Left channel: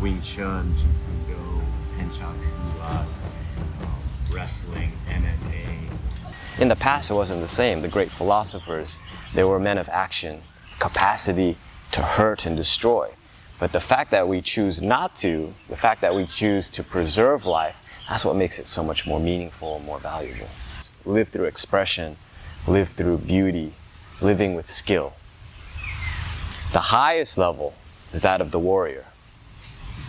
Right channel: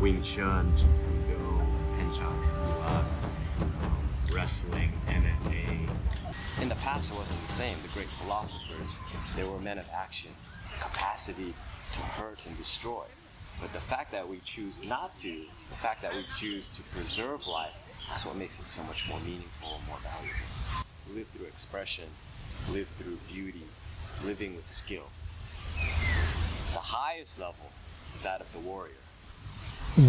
Wing Chun, Judo, Penchak Silat, wrestling, MMA. In the past, it wasn't the same. The great philosophers, they were men of action, capacity to hurt and destroy. But the fact that we choose not to, the fact that we choose to preserve life, that's what makes it so much more meaningful and more valuable. Live through expression, live through beauty, living with skill. The highest level is that of the warrior.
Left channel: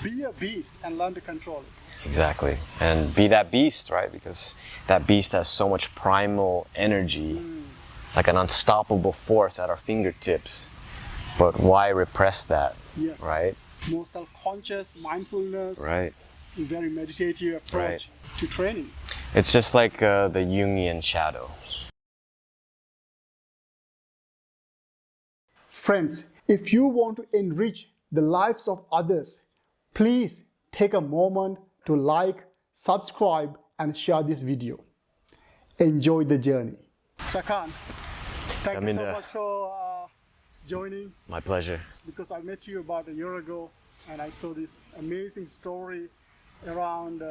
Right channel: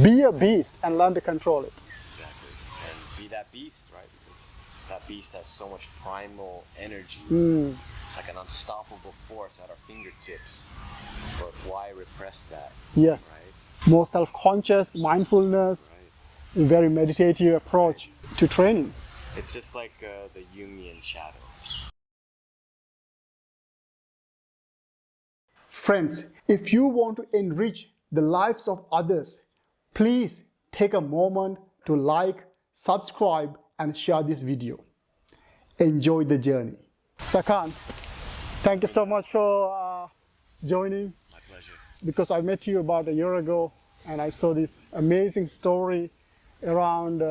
Be a beast and learn to control it. Exactly. And be that beast, right? Because that beast has so much primal energy, like an unstoppable force at our fingertips. But why repress that? Yes. Right? More self-conscious, mindfulness, Right. a very meditative approach to training. It's just like the Jungian shadow. Friends, if you want to enrich the lives of others, please take a moment to like, subscribe, and share this video. Enjoy the journey. Sakan, thank you so much for joining. My pleasure. Because I met you about a year ago and I saw this amazing story around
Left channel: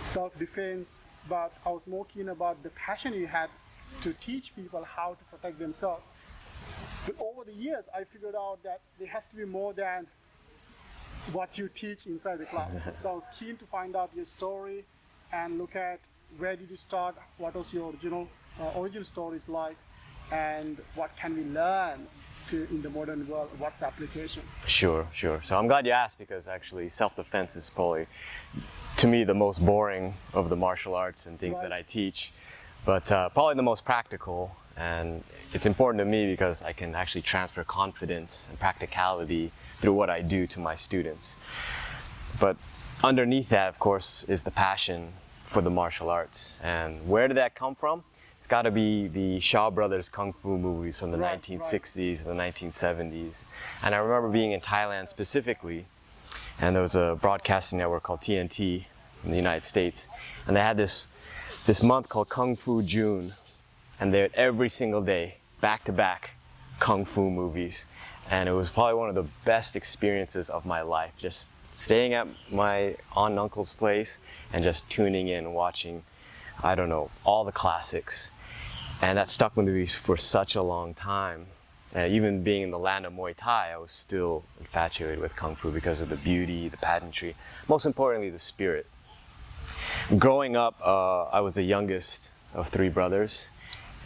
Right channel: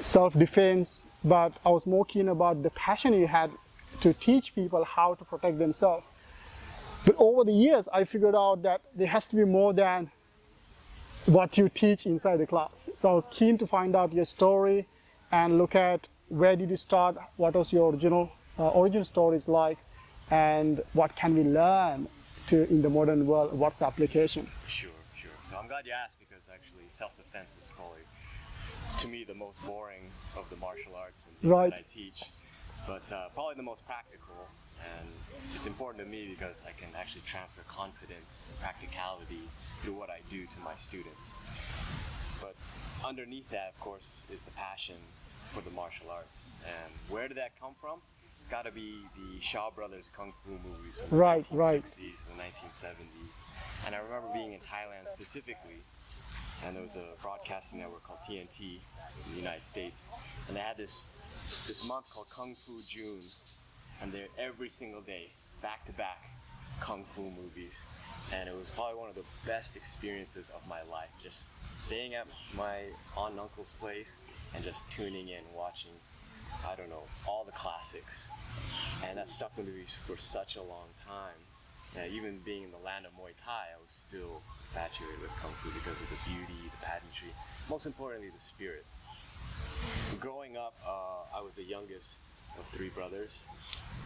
self-defense, but I was more keen about the passion you had to teach people how to protect themselves. But over the years, I figured out that there has to be more than what you teach inside the class. So I was keen to find out your story and look at where did you start, what was your origin stories like, and what can we learn in the modern world, what's the application? Sure. So I'm glad you asked, because actually self-defense is probably, to me, the most boring of the martial arts and things that I teach, but probably the most practical. And it's important to me because I can actually transfer confidence and practicality through what I do to my students. But underneath that, of course, is the passion for the martial arts. And where did that come from? It's got to be the Shaw Brothers Kung Fu movies from the 1960s and the 1970s. And I remember being in Thailand specifically, and there was a broadcasting network called TNT in the United States. And they had this month called Kung Fu June. And they had every single day, back-to-back Kung Fu movies. And it was probably one of the best experiences of my life, just staying at my aunt and uncle's place and just tuning in and watching, I don't know, all the classics. And that stuck with me for such a long time. Even being in the land of Muay Thai, I was still infatuated with Kung Fu because of the beauty, the pageantry, most importantly, the spirit. Growing up, I was the youngest of 3 brothers.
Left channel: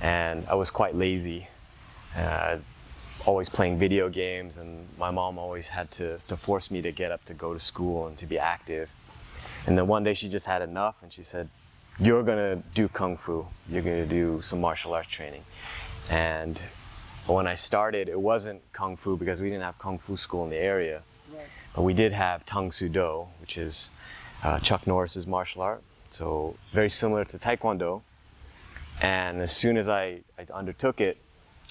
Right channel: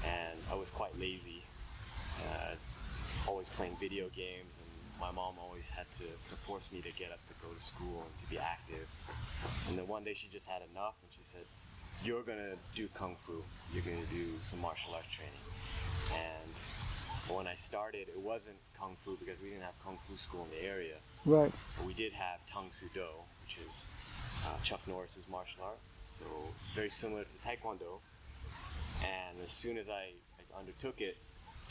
And I was quite lazy, always playing video games, and my mom always had to force me to get up to go to school and to be active. And then one day she just had enough and she said, "You're gonna do Kung Fu, you're gonna do some martial arts training." And when I started, it wasn't Kung Fu because we didn't have Kung Fu school in the area. Right. But we did have Tang Soo Do, which is Chuck Norris's martial art. So very similar to Taekwondo. And as soon as I undertook it,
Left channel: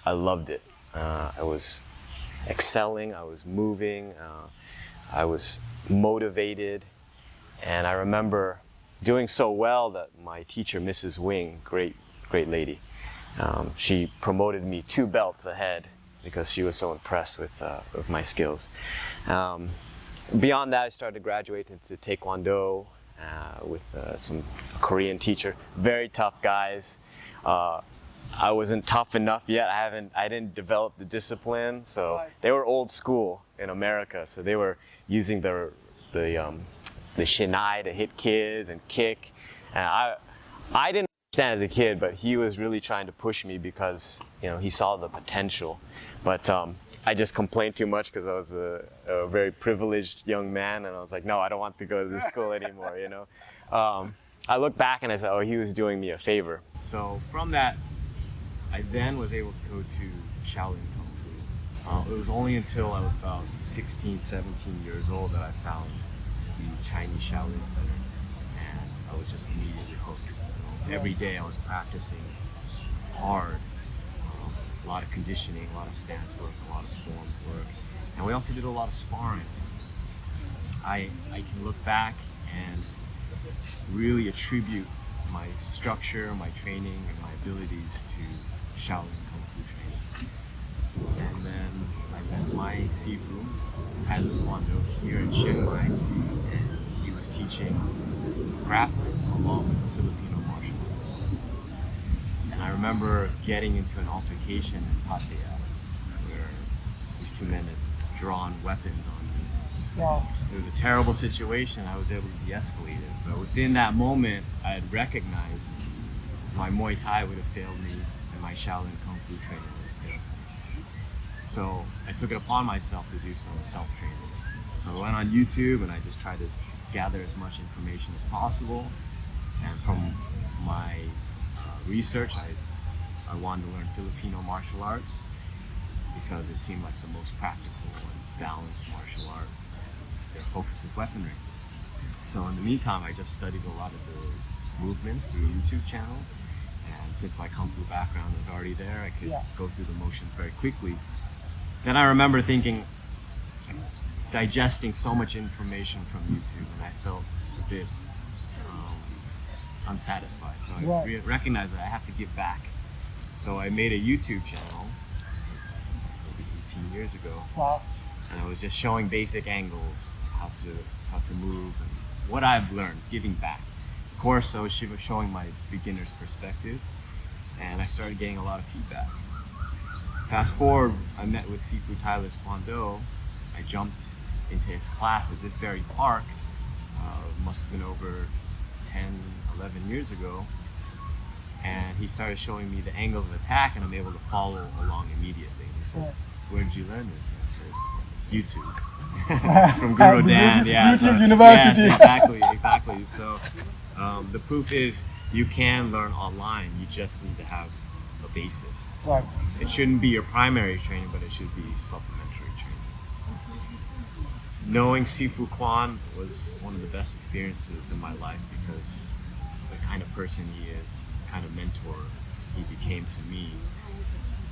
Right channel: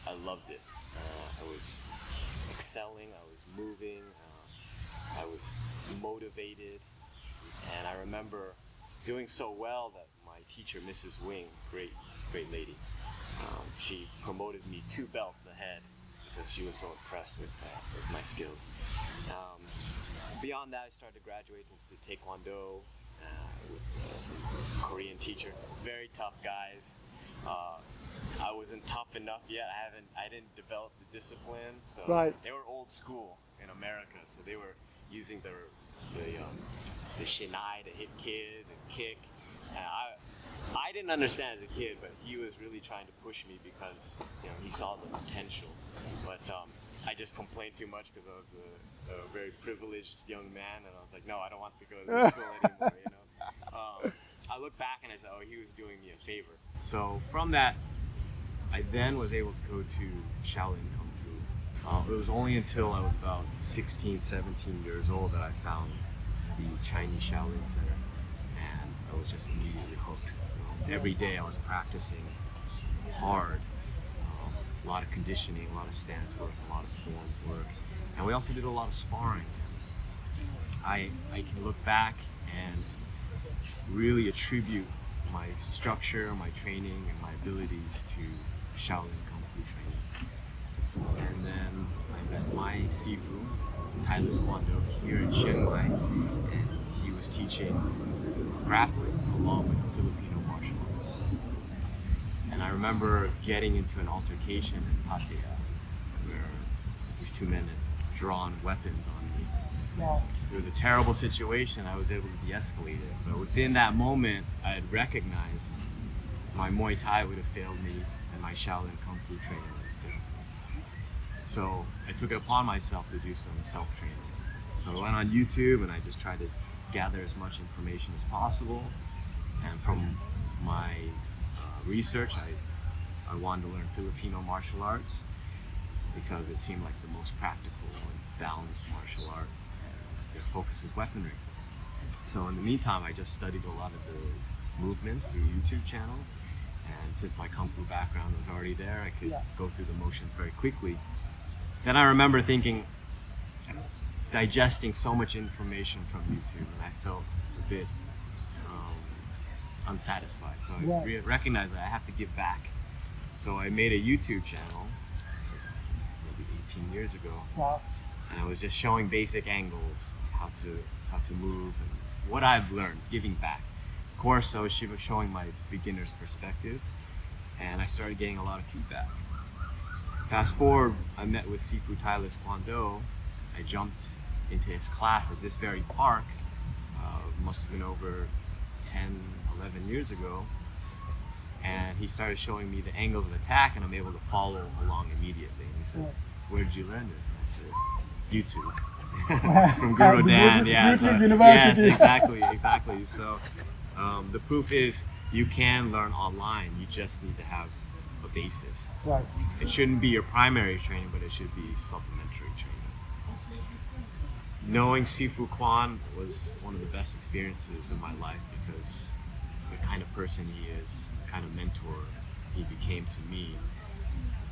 I loved it. I was excelling, I was moving, I was motivated. And I remember doing so well that my teacher, Mrs. Wing, great lady, she promoted me 2 belts ahead because she was so impressed with my skills. Beyond that, I started to graduate into Taekwondo with some Korean teacher, very tough guys. I wasn't tough enough yet. I didn't develop the discipline. So they were old school in America. So they were using the shinai to hit kids and kick. And I didn't understand as a kid, but he was really trying to push me because he saw the potential. But I just complained too much because I was a very privileged young man, and I was like, no, I don't want to go to this school anymore. I look back and I said, oh, he was doing me a favor. So from that, I then was able to go to Shaolin Kung Fu. It was only until I was about 16, 17 years old that I found the Chinese Shaolin Center, and I was just immediately hooked. So every day I was practicing hard, a lot of conditioning, a lot of stance work, a lot of form work, and we also did a lot of sparring. I can look back and really attribute my structure, my training, and my abilities to Shaolin Kung Fu training. and then I met my Sifu, Thailand Kwando, here in Chiang Mai, and he was teaching grappling along with the Filipino martial arts. And I remember getting into an altercation in Pattaya where these two men had drawn weapons on me. Wow. It was a terrible situation. I was able to de-escalate it, but within that moment, I had recognized my Muay Thai would have failed me and my Shaolin Kung Fu training would have failed me. So I took it upon myself to do some self-training. So I went on YouTube and I just tried to gather as much information as possible. And from my research, I wanted to learn Filipino martial arts because it seemed like the most practical and balanced martial art. Their focus is weaponry. So in the meantime, I just studied a lot of the movements through YouTube channel. And since my Kung Fu background was already there, I could go through the motions very quickly. Then I remember thinking, digesting so much information from YouTube, and I felt a bit unsatisfied. So I recognized that I have to give back. So I made a YouTube channel, this is maybe 18 years ago. Wow. And I was just showing basic angles, how to move, and what I've learned, giving back. Of course, I was showing my beginner's perspective, and I started getting a lot of feedback. Fast forward, I met with Sifu Thailand Kwando. I jumped into his class at this very park, must have been over 10, 11 years ago. And he started showing me the angles of attack, and I'm able to follow along immediately. And he said, "Where did you learn this?" And I said, "YouTube." From Guru Dan, YouTube University. Yes, exactly. So the proof is you can learn online. You just need to have a basis. Right. It shouldn't be your primary training, but it should be supplementary training. Knowing Sifu Kwan was one of the best experiences in my life because the kind of person he is, the kind of mentor he became to me.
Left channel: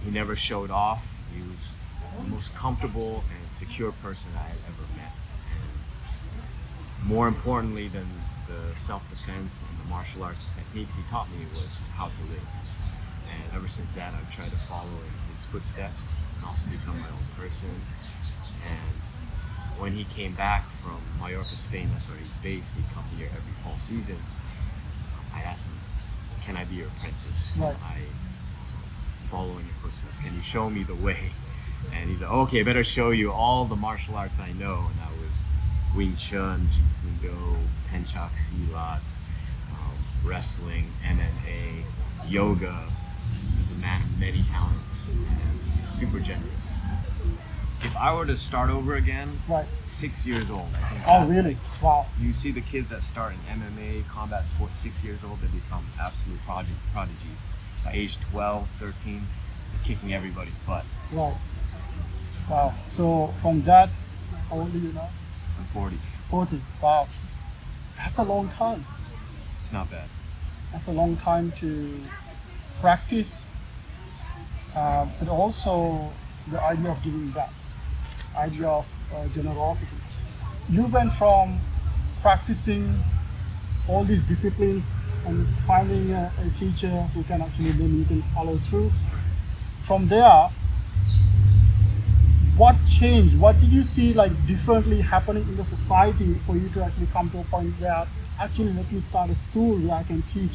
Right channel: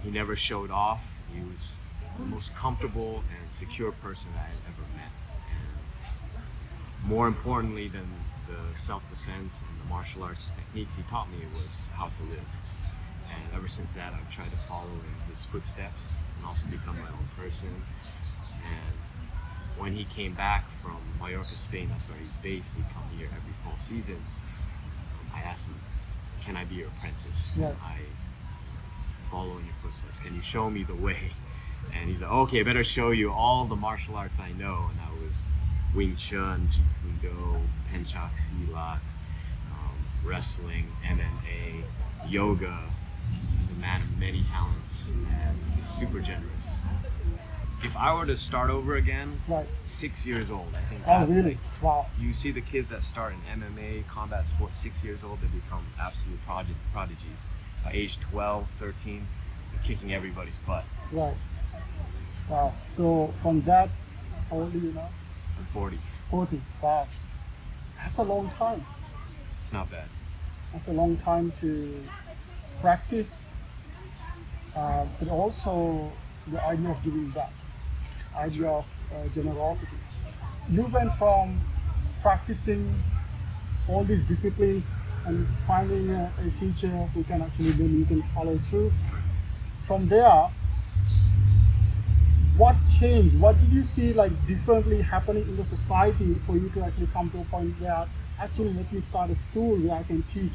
He never showed off. He was the most comfortable and secure person I had ever met. And more importantly than the self-defense and the martial arts techniques he taught me was how to live. And ever since that, I've tried to follow in his footsteps and also become my own person. And when he came back from Mallorca, Spain, that's where he's based, he'd come here every fall season. I asked him, "Can I be your apprentice? Can I follow in your footsteps? Can you show me the way?" And he's like, "Okay, I better show you all the martial arts I know." And that was Wing Chun, Jeet Kune Do, Penchak Silat, wrestling, MMA, yoga. He's a man of many talents, and he's super generous. If I were to start over again, 6 years old, I think. Oh, really? Like, wow. You see the kids that start in MMA, combat sports, 6 years old, they become absolute prodigies. By age 12, 13, they're kicking everybody's butt. Right. Wow. So from that, how old are you now? I'm 40. 40. Wow. That's a long time. It's not bad. That's a long time to practice, but also the idea of giving back, idea of generosity. You went from practicing all these disciplines and finding a teacher who can actually then you can follow through. From there, what changed? What did you see like differently happening in the society for you to actually come to a point where actually let me start a school where I can teach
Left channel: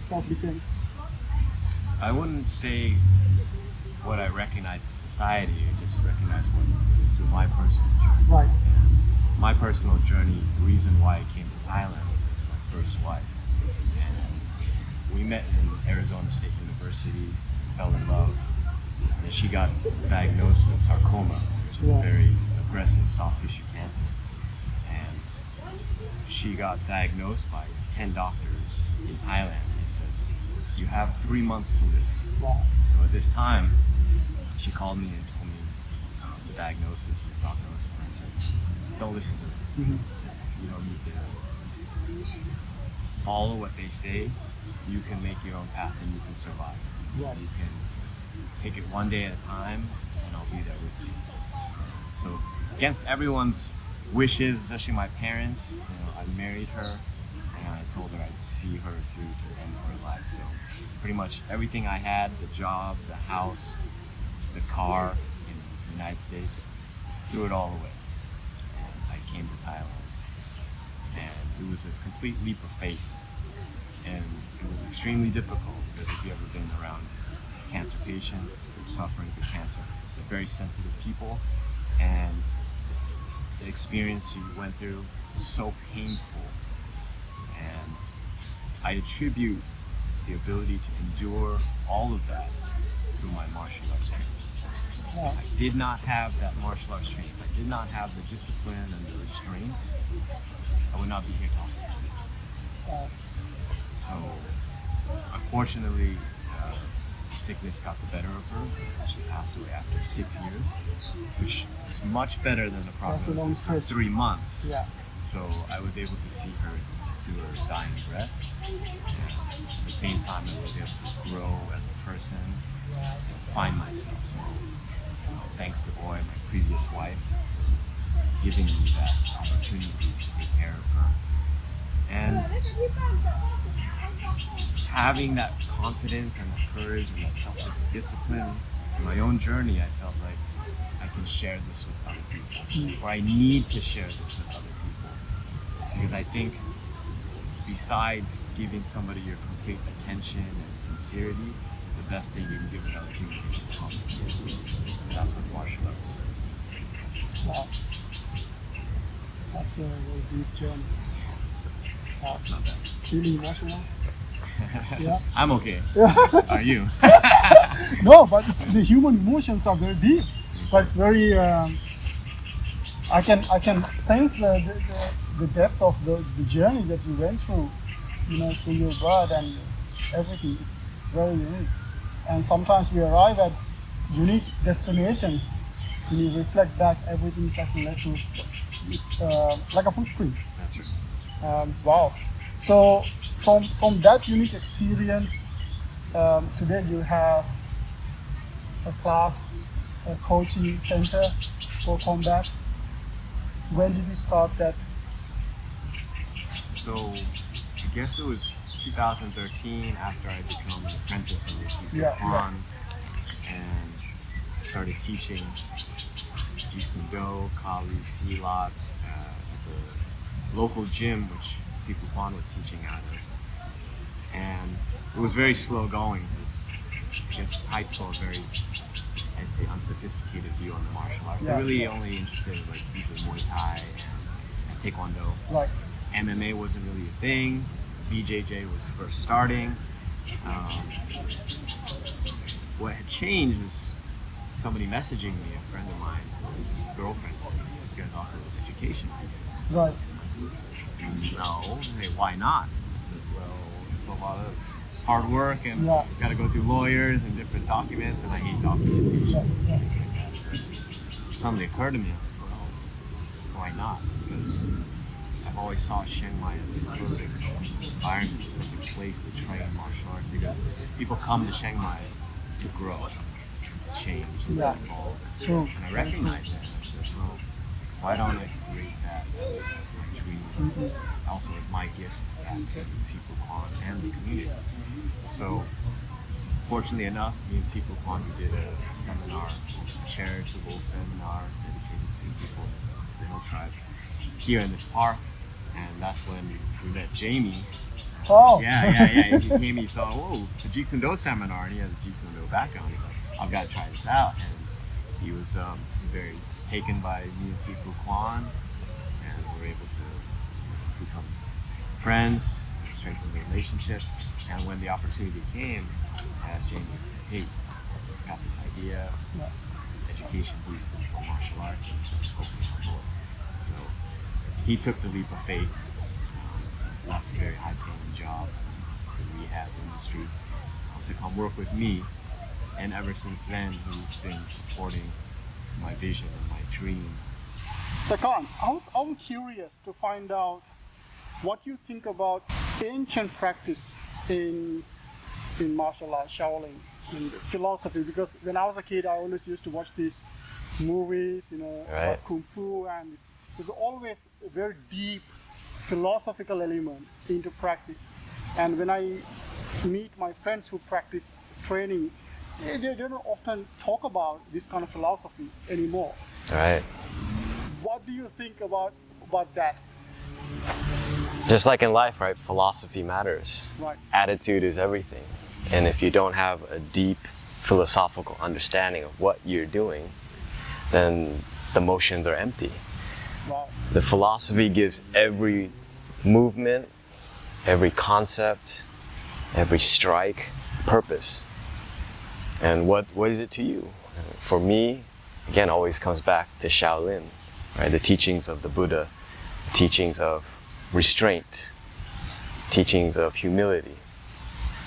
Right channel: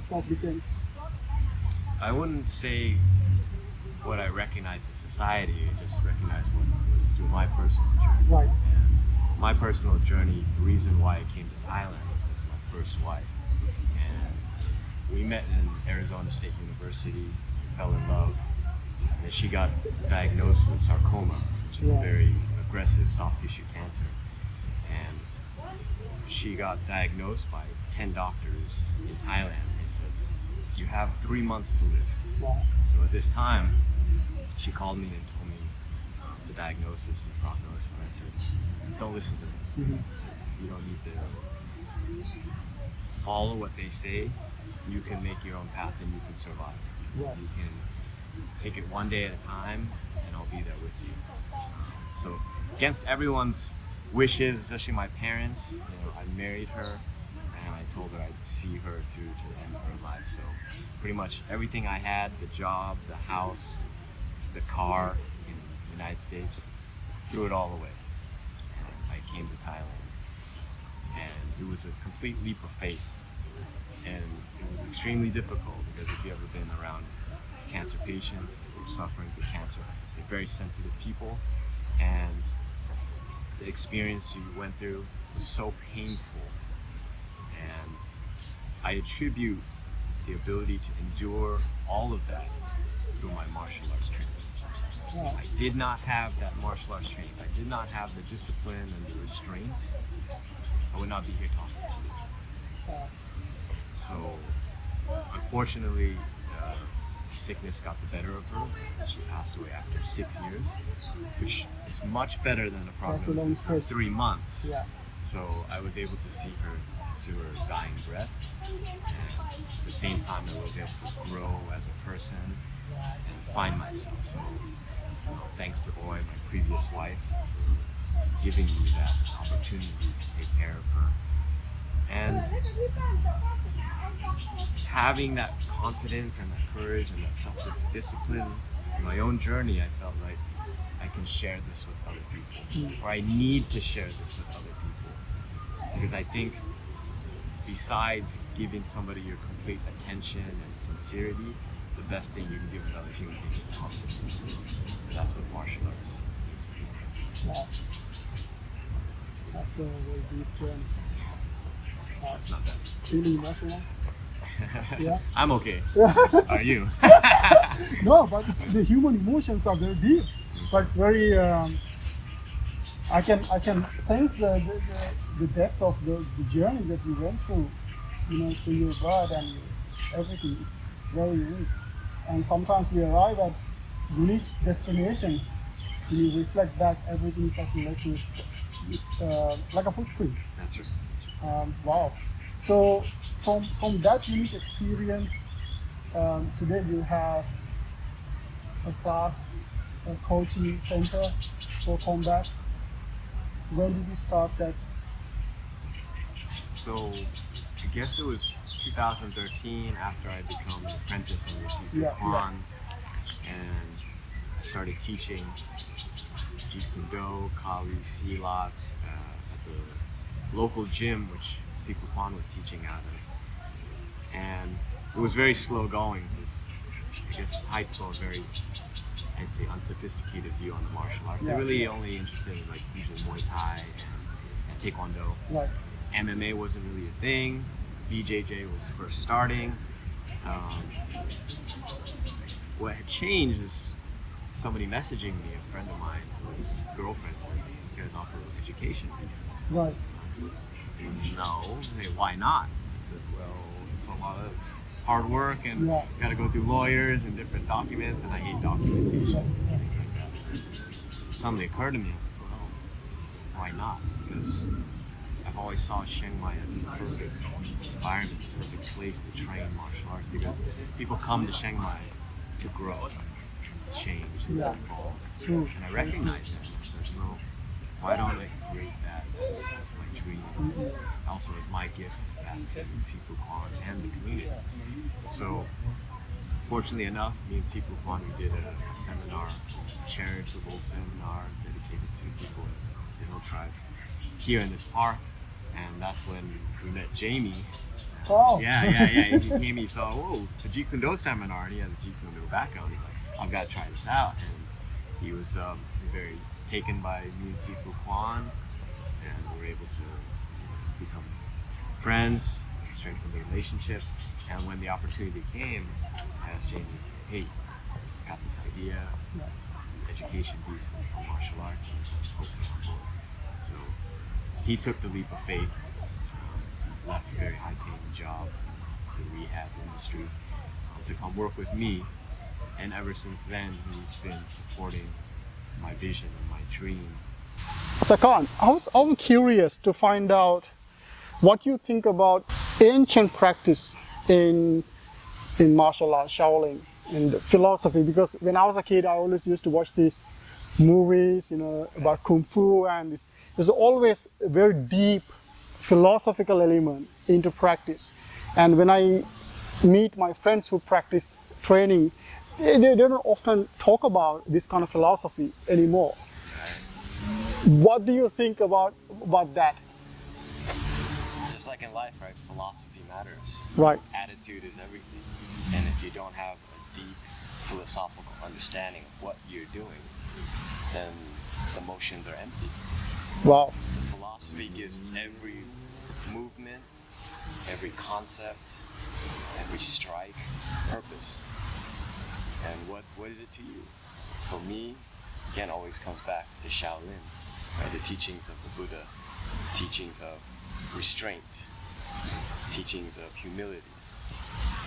self-defense? I wouldn't say what I recognize in society, I just recognize what was through my personal journey. Right. And my personal journey, the reason why I came to Thailand was because of my first wife. And we met in Arizona State University, fell in love, and then she got diagnosed with sarcoma, which is a very aggressive soft tissue cancer. And she got diagnosed by 10 doctors in Thailand. They said, "You have 3 months to live." Wow. So at this time, she called me and told me the diagnosis and the prognosis, and I said, "Don't listen to them." I said, "You don't need to follow what they say. You can make your own path and you can survive. Right. You can take it one day at a time, and I'll be there with you." So against everyone's wishes, especially my parents, I married her, and I told her I'd see her through to the end of her life. So pretty much everything I had, the job, the house, the car in the United States, threw it all away. And I came to Thailand. And it was a complete leap of faith. And it was extremely difficult because if you've ever been around cancer patients who are suffering with cancer, they're very sensitive people. And the experience you went through was so painful. And I attribute the ability to endure all of that through my martial arts training. Wow. If I did not have that martial arts training, if I did not have the discipline and the restraint, I would not be here talking to you. Wow. So, unfortunately, sickness got the better of her. She passed away after 6 years, which is much better than a prognosis of 3 months. Yeah. So I was able to see her to her dying breath, and at the same time I was able to grow as a person and find myself. So thanks to Oi, my previous wife, for giving me that opportunity to take care of her. And having that confidence and that courage and that self-discipline in my own journey, I felt like I can share this with other people, or I need to share this with other people. Because I think besides giving somebody your complete attention and sincerity, the best thing you can give another human being is confidence. That's what martial arts needs to be. Wow. That's a very deep journey. Wow. It's not bad. Really emotional. Yeah. I'm okay. Are you? No, but the human emotions are very deep. But it's very. I can sense the depth of the journey that you went through. Through your birth and everything. It's very unique. And sometimes we arrive at unique destinations. When you reflect back, everything is actually led to like a footprint. That's right. Wow. So from that unique experience, today you have a class, a coaching center for combat. When did you start that? So I guess it was 2013 after I become an apprentice under Sifu Kwan, and I started teaching Jeet Kune Do, Kali, Silat at the local gym which Sifu Kwan was teaching out of. And it was very slow going. So I guess typical, very, I'd say, unsophisticated view on the martial arts. They're really only interested in like usually Muay Thai and Taekwondo. Right. MMA wasn't really a thing. BJJ was first starting. What had changed is somebody messaging me, a friend of mine, his girlfriend said, "You guys offer education visas?" Right. I said, "No." Hey, why not? I said, "Well, it's a lot of hard work and you got to go through lawyers and different documents, and I hate documentation, things like that." And suddenly occurred to me, I was like, well, why not? Because I've always saw Chiang Mai as the perfect environment, the perfect place to train martial arts, because people come to Chiang Mai to grow, to change, and to evolve. True. And I recognized that, and I said, well, why don't I create that as my dream, also as my gift back to Sifu Kwan and the community. So, fortunately enough, me and Sifu Kwan, we did a seminar, a charitable seminar dedicated to people in the hill tribes here in this park, and that's when we met Jamie. Oh. Yeah. He came, he saw, whoa, a Jeet Kune Do seminar, and he has a Jeet Kune Do background. He's like, I've got to try this out. And he was very taken by me and Sifu Kwan, and we were able to become friends, strengthen the relationship. And when the opportunity came, I asked Jamie, I said, hey, I got this idea, education visas for martial arts, and he started opening on board. So he took the leap of faith, left a very high-paying job in the rehab industry to come work with me. And ever since then, he's been supporting my vision and my dream. Sakan, I'm curious to find out what you think about ancient practice in martial arts, Shaolin, and philosophy. Because when I was a kid, I always used to watch these movies, about Kung Fu, and there's always a very deep philosophical element into practice. And when I meet my friends who practice training, they don't often talk about this kind of philosophy anymore. Right. What do you think about that? Just like in life, right? Philosophy matters. Right. Attitude is everything. And if you don't have a deep philosophical understanding of what you're doing, then the motions are empty. Wow. The philosophy gives every movement, every concept, every strike purpose. And what is it to you? For me, again, always comes back to Shaolin, right? The teachings of the Buddha, teachings of restraint, teachings of humility,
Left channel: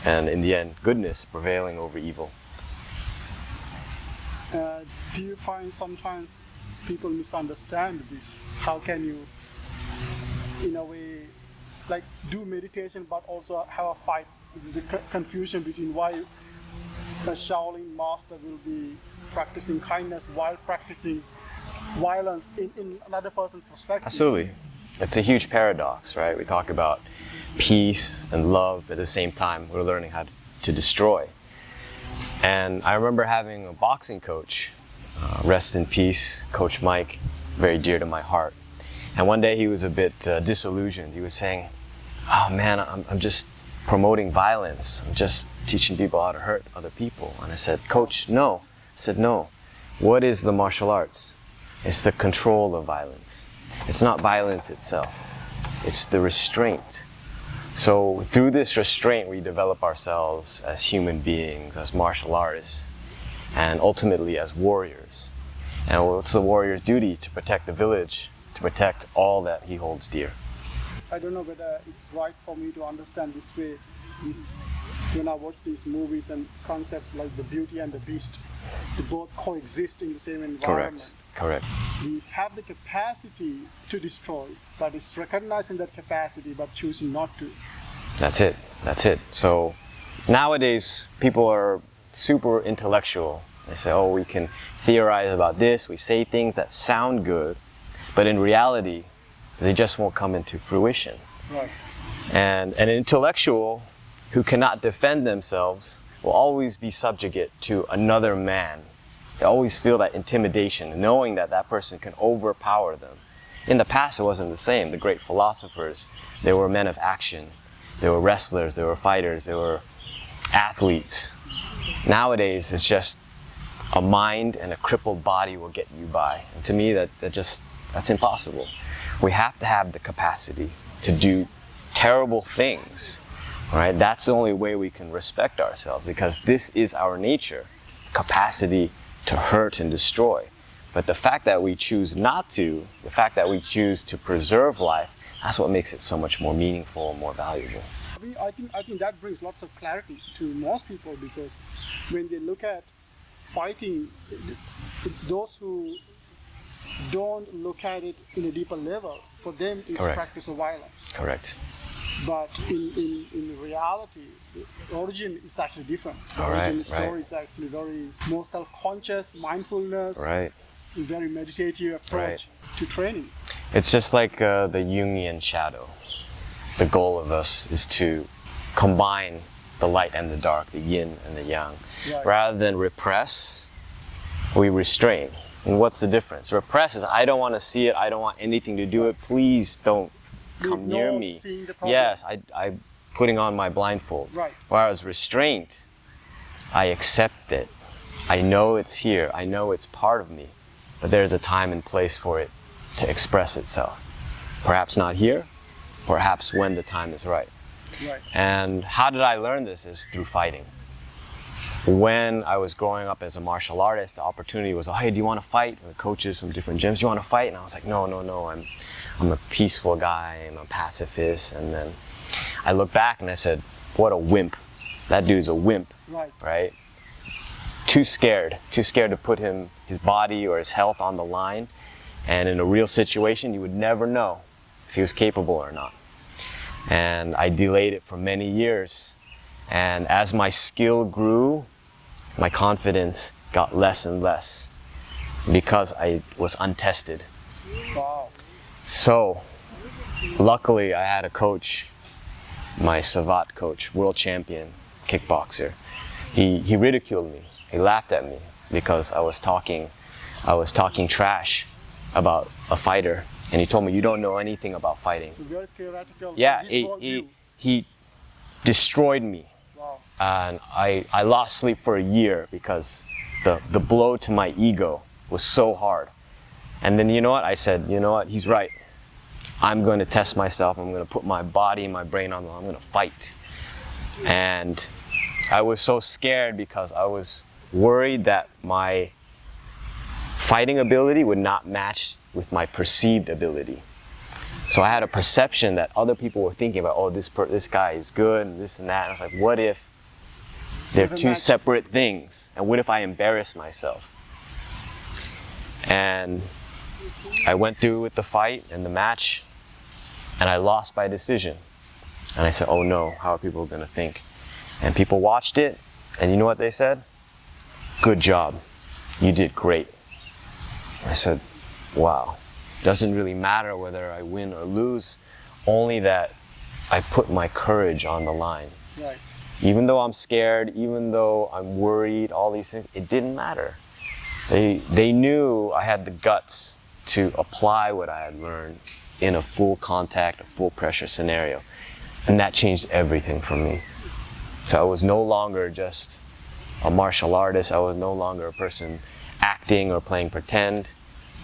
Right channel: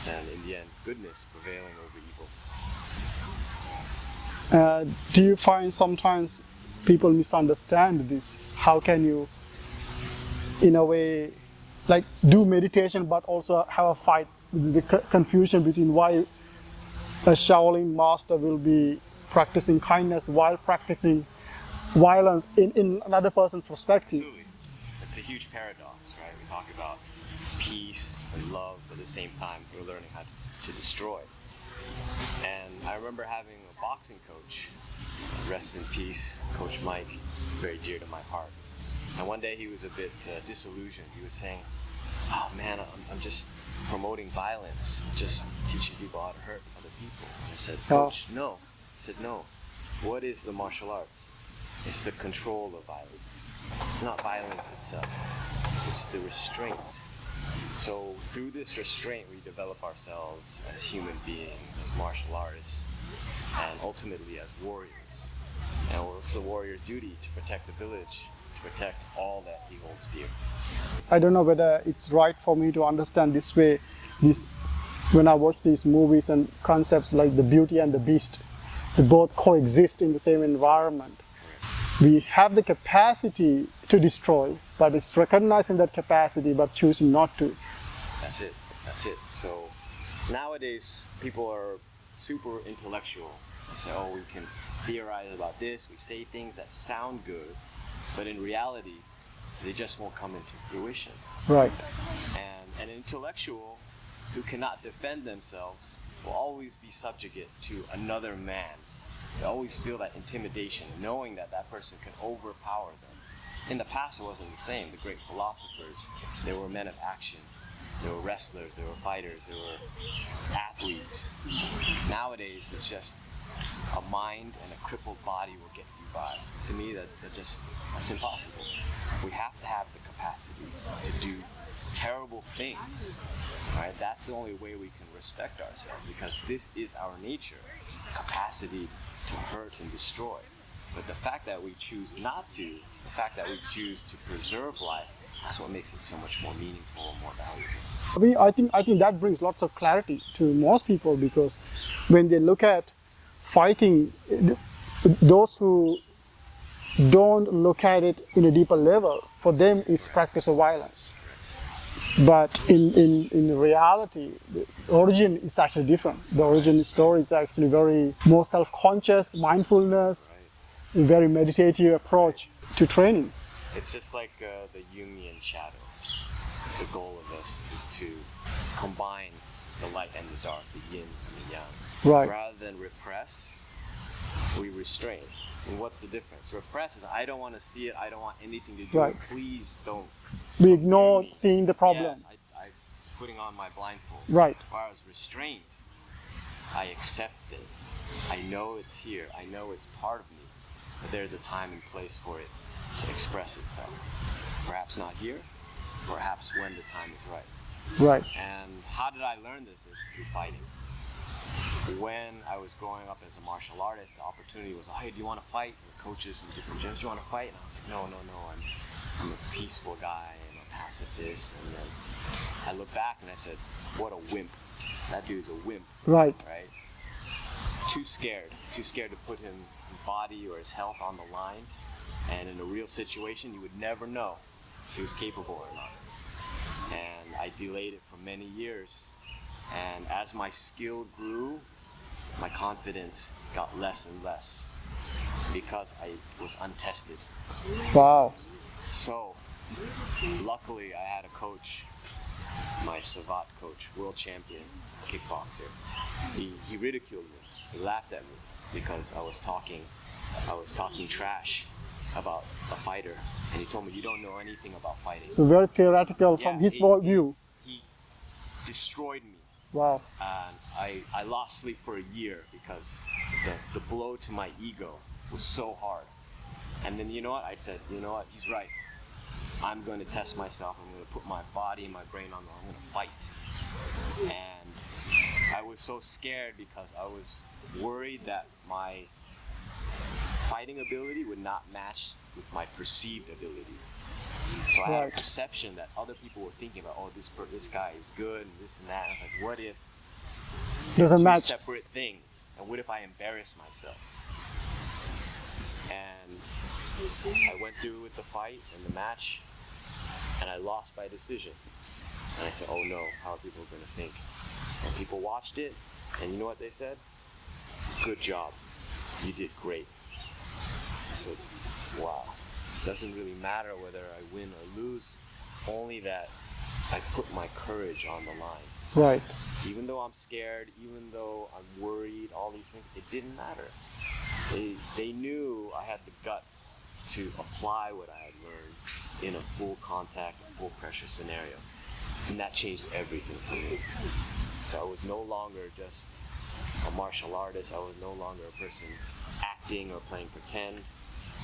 and in the end, goodness prevailing over evil. Do you find sometimes people misunderstand this? How can you, in a way, like do meditation but also have a fight with the confusion between why a Shaolin master will be practicing kindness while practicing violence in another person's perspective? Absolutely. It's a huge paradox, right? We talk about peace and love, but at the same time, we're learning how to destroy. And I remember having a boxing coach, rest in peace, Coach Mike, very dear to my heart. And one day he was a bit disillusioned. He was saying, oh man, I'm just promoting violence. I'm just teaching people how to hurt other people. And I said, Coach, no. I said, no. What is the martial arts? It's the control of violence. It's not violence itself. It's the restraint. So through this restraint, we develop ourselves as human beings, as martial artists, and ultimately as warriors. And what's the warrior's duty? To protect the village, to protect all that he holds dear. I don't know whether it's right for me to understand this way. When I watch these movies and concepts like the Beauty and the Beast, they both coexist in the same environment. Correct. We have the capacity to destroy, but it's recognizing that capacity but choosing not to. That's it. That's it. So nowadays, people are super intellectual. They say, oh, we can theorize about this. We say things that sound good, but in reality, they just won't come into fruition. Right. And an intellectual who cannot defend themselves will always be subjugate to another man. They always feel that intimidation, knowing that that person can overpower them. In the past, it wasn't the same. The great philosophers, they were men of action. They were wrestlers, they were fighters, they were athletes. Nowadays, it's just a mind and a crippled body will get you by. And to me, that's impossible. We have to have the capacity to do terrible things, right? That's the only way we can respect ourselves, because this is our nature, capacity to hurt and destroy. But the fact that we choose not to, the fact that we choose to preserve life, that's what makes it so much more meaningful and more valuable. I think that brings lots of clarity to most people, because when they look at fighting, those who don't look at it in a deeper level, for them it's Correct. Practice of violence. Correct. But in reality, the origin is actually different. The origin story is actually very more self-conscious, mindfulness, Right. a very meditative approach to training. It's just like the Jungian shadow. The goal of us is to combine the light and the dark, the yin and the yang. Right. Rather than repress, we restrain. And what's the difference? Repress is, I don't want to see it, I don't want anything to do Right. it, please don't We come near ignore me. seeing the problem. Yes, I'm putting on my blindfold. Right. Whereas restraint, I accept it. I know it's here, I know it's part of me, but there's a time and place for it to express itself. Perhaps not here, perhaps when the time is right. Right. And how did I learn this? Is through fighting. When I was growing up as a martial artist, the opportunity was, oh, hey, do you want to fight? The coaches from different gyms, do you want to fight? And I was like, no, I'm a peaceful guy, I'm a pacifist. And then I look back and I said, what a wimp. That dude's a wimp, Right. right? Too scared to put his body or his health on the line. And in a real situation, you would never know if he was capable or not. And I delayed it for many years. And as my skill grew, my confidence got less and less because I was untested. Wow. So, luckily I had a coach, my Savat coach, world champion kickboxer. He ridiculed me. He laughed at me because I was talking trash about a fighter, and he told me, you don't know anything about fighting. So very theoretical Yeah, from his worldview. he destroyed me. Wow. And I lost sleep for a year because the blow to my ego was so hard. And then you know what? I said, you know what? He's right. I'm going to test myself. I'm going to put my body and my brain on. I'm going to fight. And I was so scared because I was worried that my fighting ability would not match with my perceived ability. So I had a perception that other people were thinking about, oh, this guy is good and this and that. And I was like, what if they're two separate things? And what if I embarrass myself? And I went through with the fight and the match, and I lost by decision. And I said, oh no, how are people gonna think? And people watched it, and you know what they said? Good job, you did great. I said, wow, doesn't really matter whether I win or lose, only that I put my courage on the line. Right. Even though I'm scared, even though I'm worried, all these things, it didn't matter. They knew I had the guts to apply what I had learned in a full contact, a full pressure scenario. And that changed everything for me. So I was no longer just a martial artist. I was no longer a person acting or playing pretend.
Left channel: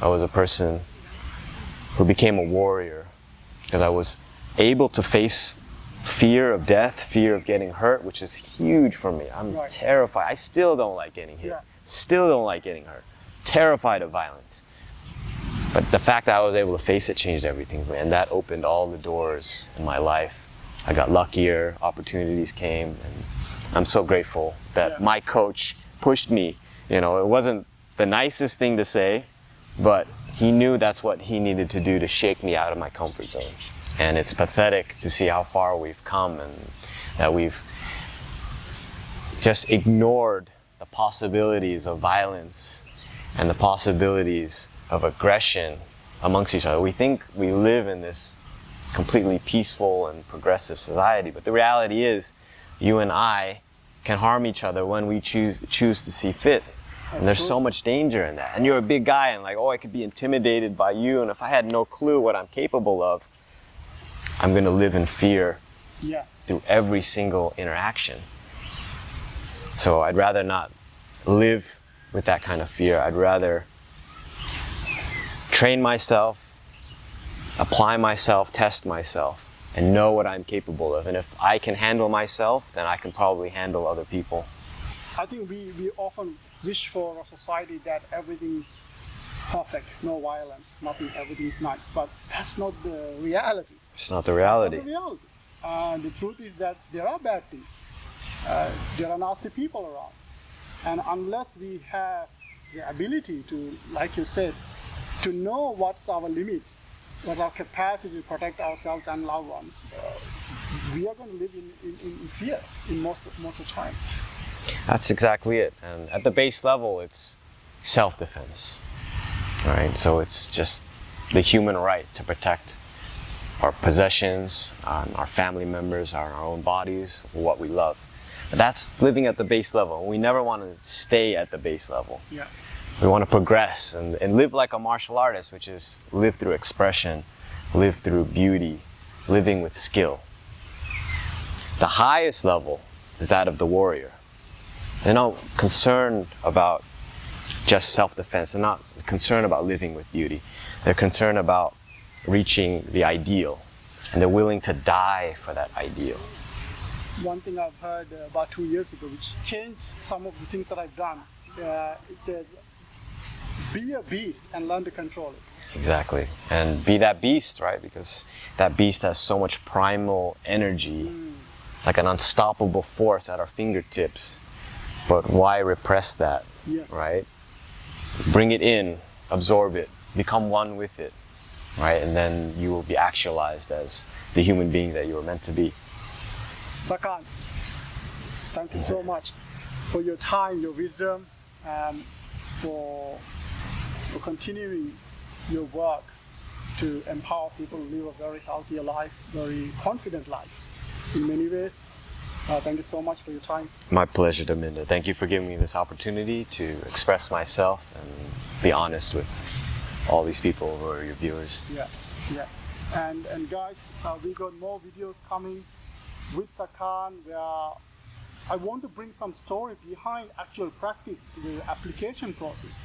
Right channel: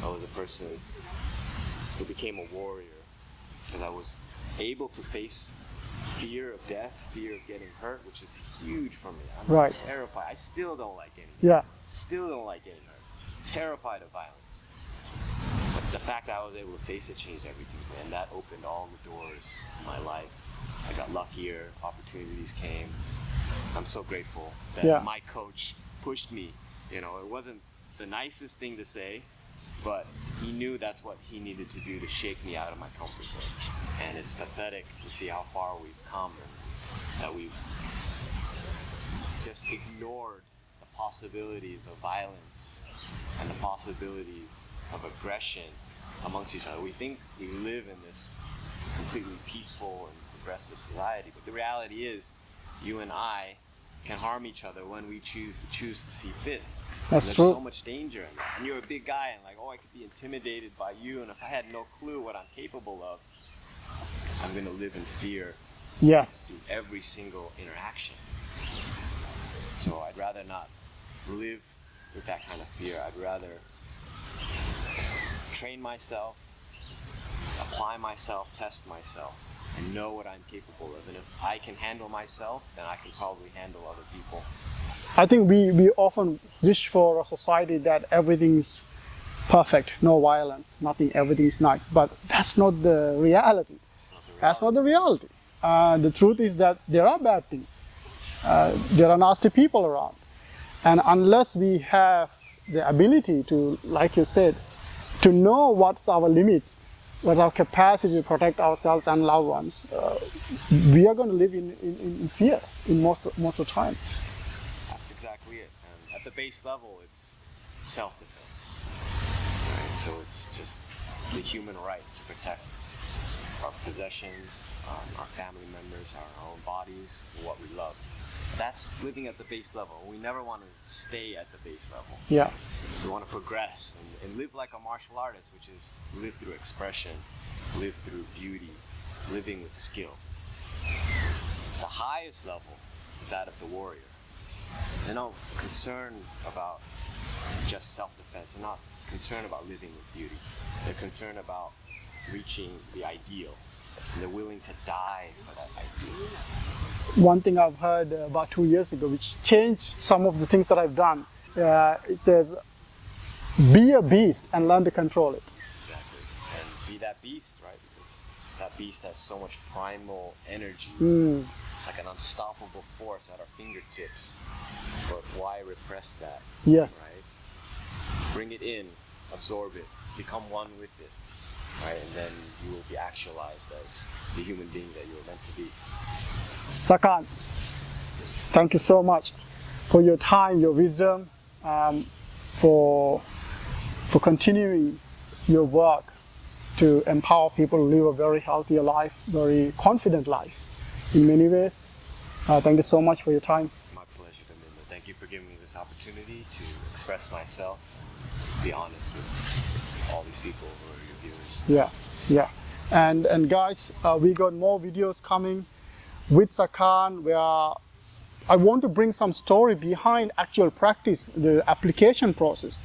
I was a person who became a warrior because I was able to face fear of death, fear of getting hurt, which is huge for me. I'm terrified. I still don't like getting hit. Yeah. Still don't like getting hurt. Terrified of violence. But the fact that I was able to face it changed everything for me, and that opened all the doors in my life. I got luckier, opportunities came, and I'm so grateful that my coach pushed me. You know, it wasn't the nicest thing to say, but he knew that's what he needed to do to shake me out of my comfort zone. And it's pathetic to see how far we've come and that we've just ignored the possibilities of violence and the possibilities of aggression amongst each other. We think we live in this completely peaceful and progressive society, but the reality is you and I can harm each other when we choose to see fit. And there's so much danger in that. And you're a big guy and like, oh, I could be intimidated by you, and if I had no clue what I'm capable of, I'm gonna live in fear through every single interaction. So I'd rather not live with that kind of fear. I'd rather train myself, apply myself, test myself, and know what I'm capable of. And if I can handle myself, then I can probably handle other people. I think we often wish for a society that everything's perfect, no violence, nothing, everything's nice. But that's not the reality. It's not the reality. That's not the reality. The truth is that there are bad things. There are nasty people around. And unless we have the ability to, like you said, to know what's our limits, what's our capacity to protect ourselves and loved ones, we are going to live in fear in most of the time. That's exactly it. And at the base level, it's self-defense, right? So it's just the human right to protect our possessions, our family members, our own bodies, what we love. But that's living at the base level. We never want to stay at the base level. Yeah. We want to progress and live like a martial artist, which is live through expression, live through beauty, living with skill. The highest level is that of the warrior. They're not concerned about just self-defense. They're not concerned about living with beauty. They're concerned about reaching the ideal, and they're willing to die for that ideal. One thing I've heard about 2 years ago, which changed some of the things that I've done, it says, be a beast and learn to control it. Exactly, and be that beast, right? Because that beast has so much primal energy, like an unstoppable force at our fingertips. But why repress that? Yes. Right? Bring it in, absorb it, become one with it, right? And then you will be actualized as the human being that you were meant to be. Sakan, thank you so much for your time, your wisdom, for continuing your work to empower people to live a very healthy life, very confident life in many ways. Thank you so much for your time. My pleasure, Daminda. Thank you for giving me this opportunity to express myself and be honest with all these people who are your viewers. Yeah, yeah. And guys, we got more videos coming with Sakan where I want to bring some story behind actual practice, the application process.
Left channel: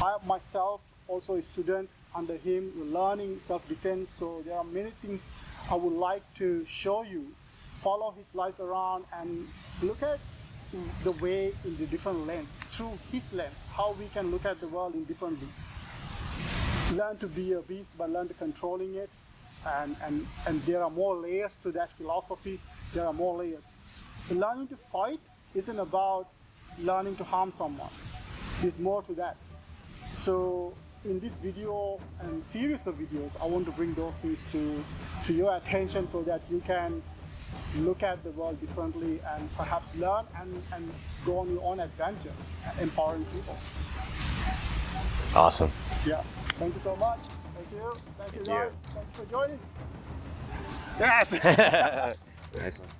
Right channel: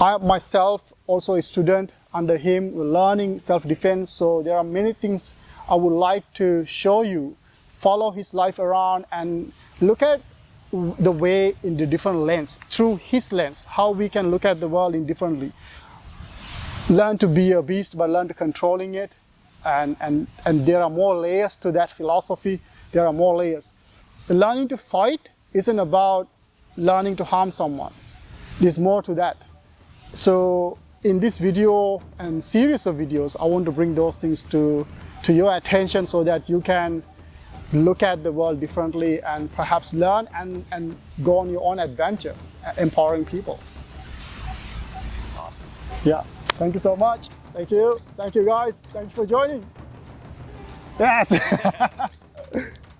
I myself also a student under him, learning self-defense. So there are many things I would like to show you. Follow his life around and look at the way in the different lens, through his lens, how we can look at the world in differently. Learn to be a beast, but learn to controlling it. And there are more layers to that philosophy. There are more layers. Learning to fight isn't about learning to harm someone. There's more to that. So in this video and series of videos, I want to bring those things to your attention so that you can look at the world differently and perhaps learn and go on your own adventure, empowering people. Awesome. Yeah, thank you so much. Thank you guys. Thank you for joining. Yes. Nice one.